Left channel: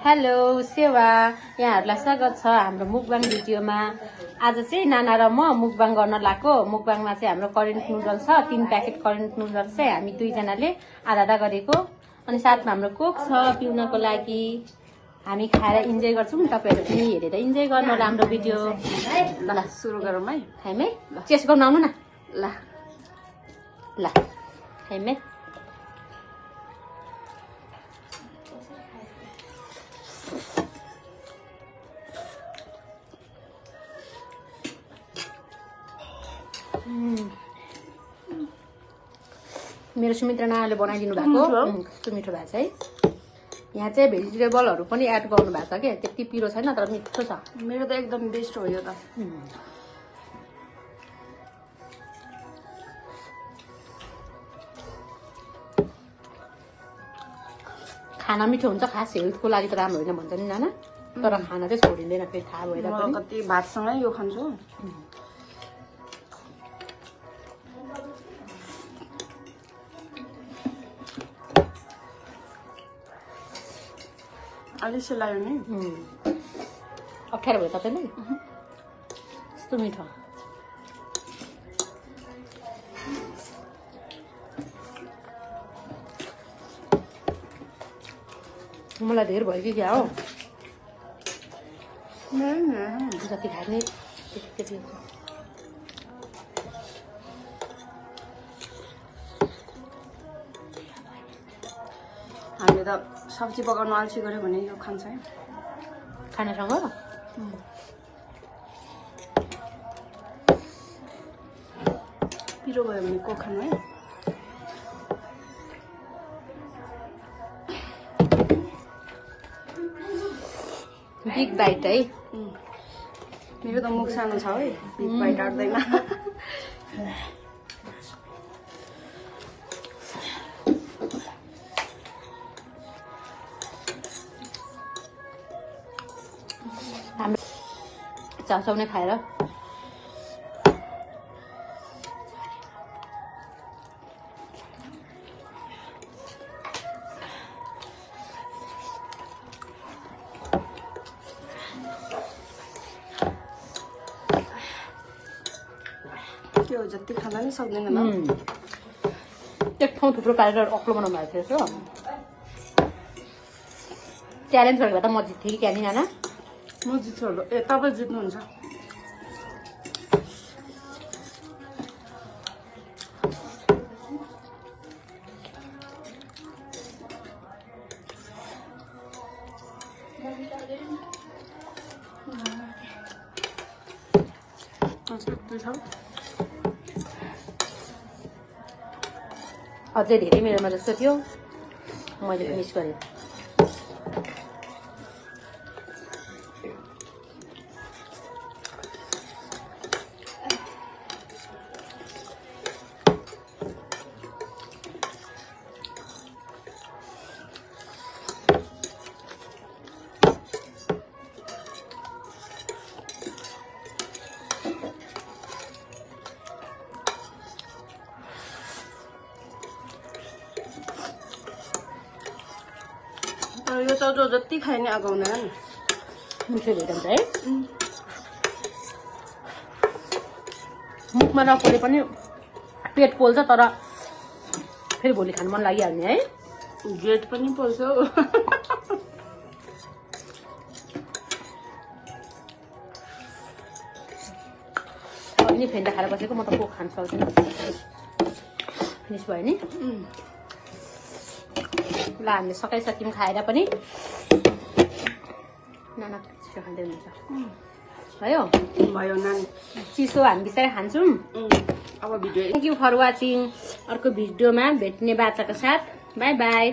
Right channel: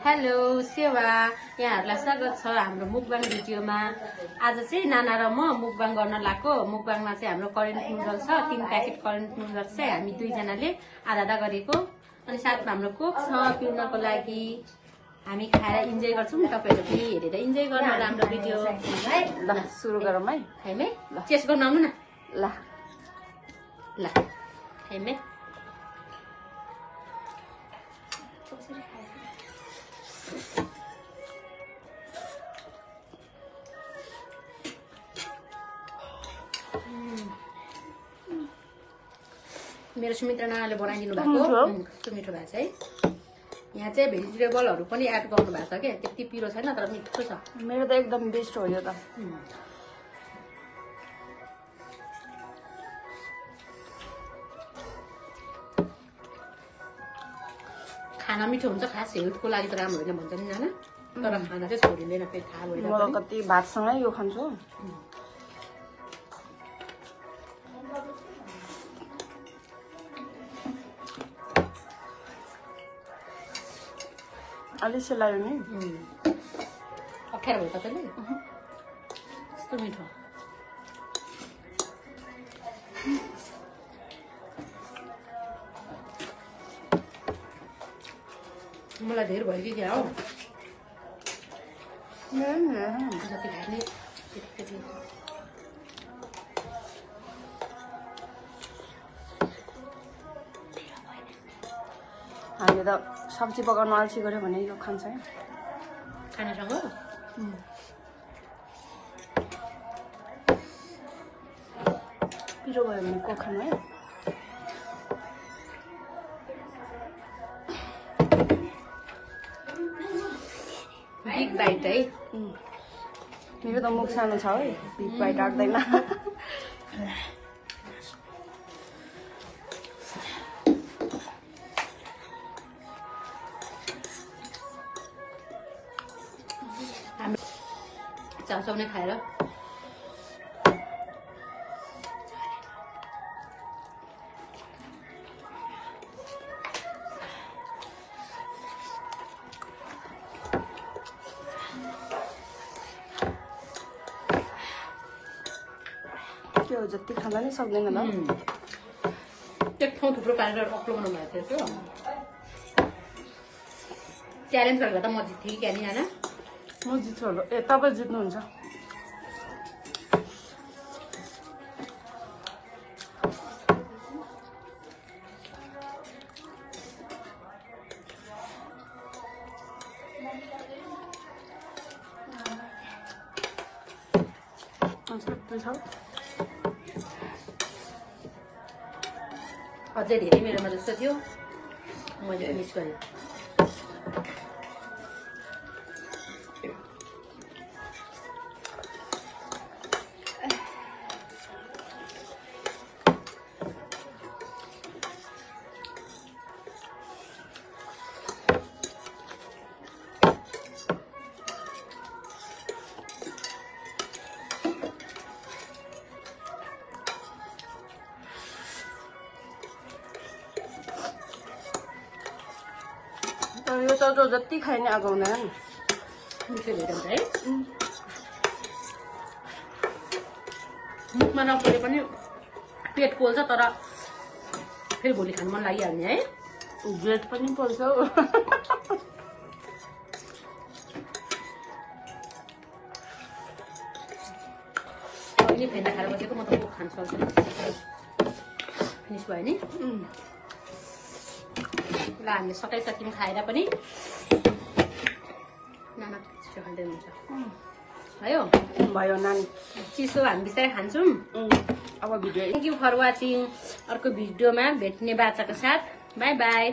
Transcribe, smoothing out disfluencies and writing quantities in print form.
Hello सेवा यहाँहरूलाई स्वागत छ हाम्रो मुकबाङ भिडियोमा। आज चाहिँ नाना र म मुकबाङ गर्न लागेको। मुकबाङमा चाहिँ हाम्रो करेन्ट नुडल छ, 3 प्याकेट करेन्ट नुडल चाहिँ हामी दुईजनाले आधा आधा गरेको। अनि साथमा हाम्रो कोक छ पिउनको लागि। हामी खाएर इन्जोय गर्छौँ, तपाईहरु पनि हेरेर इन्जोय गर्नु होला हाम्रो भिडियो। ल सुरु गरौँ है। हैन चेस्ट गर्न आउनु न। ल ल हैन मेरो सुमित्रा नानाले बनाइदिनु भएको कस्तो मिठो भएको छ है। यहाँ चाहिँ भेजिटेबलहरू पनि एड गर्नु भएको छ के, त्यति पिरो छैन तर मिठो छ। मेरो त एकदम बेस्ट हो यो त। खाना मिठो हुन्छ, खास हेल्थको लागि त राम्रो होइन भन्छ नि नाना, तर खाना चाहिँ छोडिँदैन फेरि थाहा भएर। म कति भातसँगै यो खान्छु। अलि सेलायो नि। अप्ठ्यारो भयो तपाईँले, कस्तो मिठो। मलाई धेर भयो कि क्या हो, जति खाने त्यति। हामीले त सब्जी पकाउनु अल्छी गर्यो भने यो खान्छ है खानासँग। पिरो भयो भने को खानु है। बिग बाइट है। मेरो त मुख सानो छ है, बिग बाइट आट्दैन। चासौने खाएर त्यो जति खाँदा नि सक्दैन ल। एक ठाउँ थुप्रो पारेर अक्लो बनाउनु भएको थियो। च्यालेन्ज गरेर त म जित्थेँ क्या नि नाना। म जित्छु होला। ए तपाईँ जित्नुहुन्छ। अझै धेरै मेरोमा जस्तो थियो, मैले मिस गरेँ। यो त जो जति खाए नि आगाउँदैन नि। मिठो हुन्छ है। मुखमा नपोले पनि पेट पोल्छ, तर फेरि भोलि खानु मन लागिहाल्ने है। जेट पनि पोल्छ। अलि फेन्टा खाएर बसेको, म त कोक खानु सक्दैन। मिस भयो नि। ल हामीले सकाइसक्यौँ खाएर पनि। नाना चिसो खाँदै हुन्छ भयो भयो नानी, चिसो हामी बिस्तारै खान्छौँ। अब video. Thank you for watching. अर्को भिडियोमा भेट्ने बाचाको साथ। Bye by.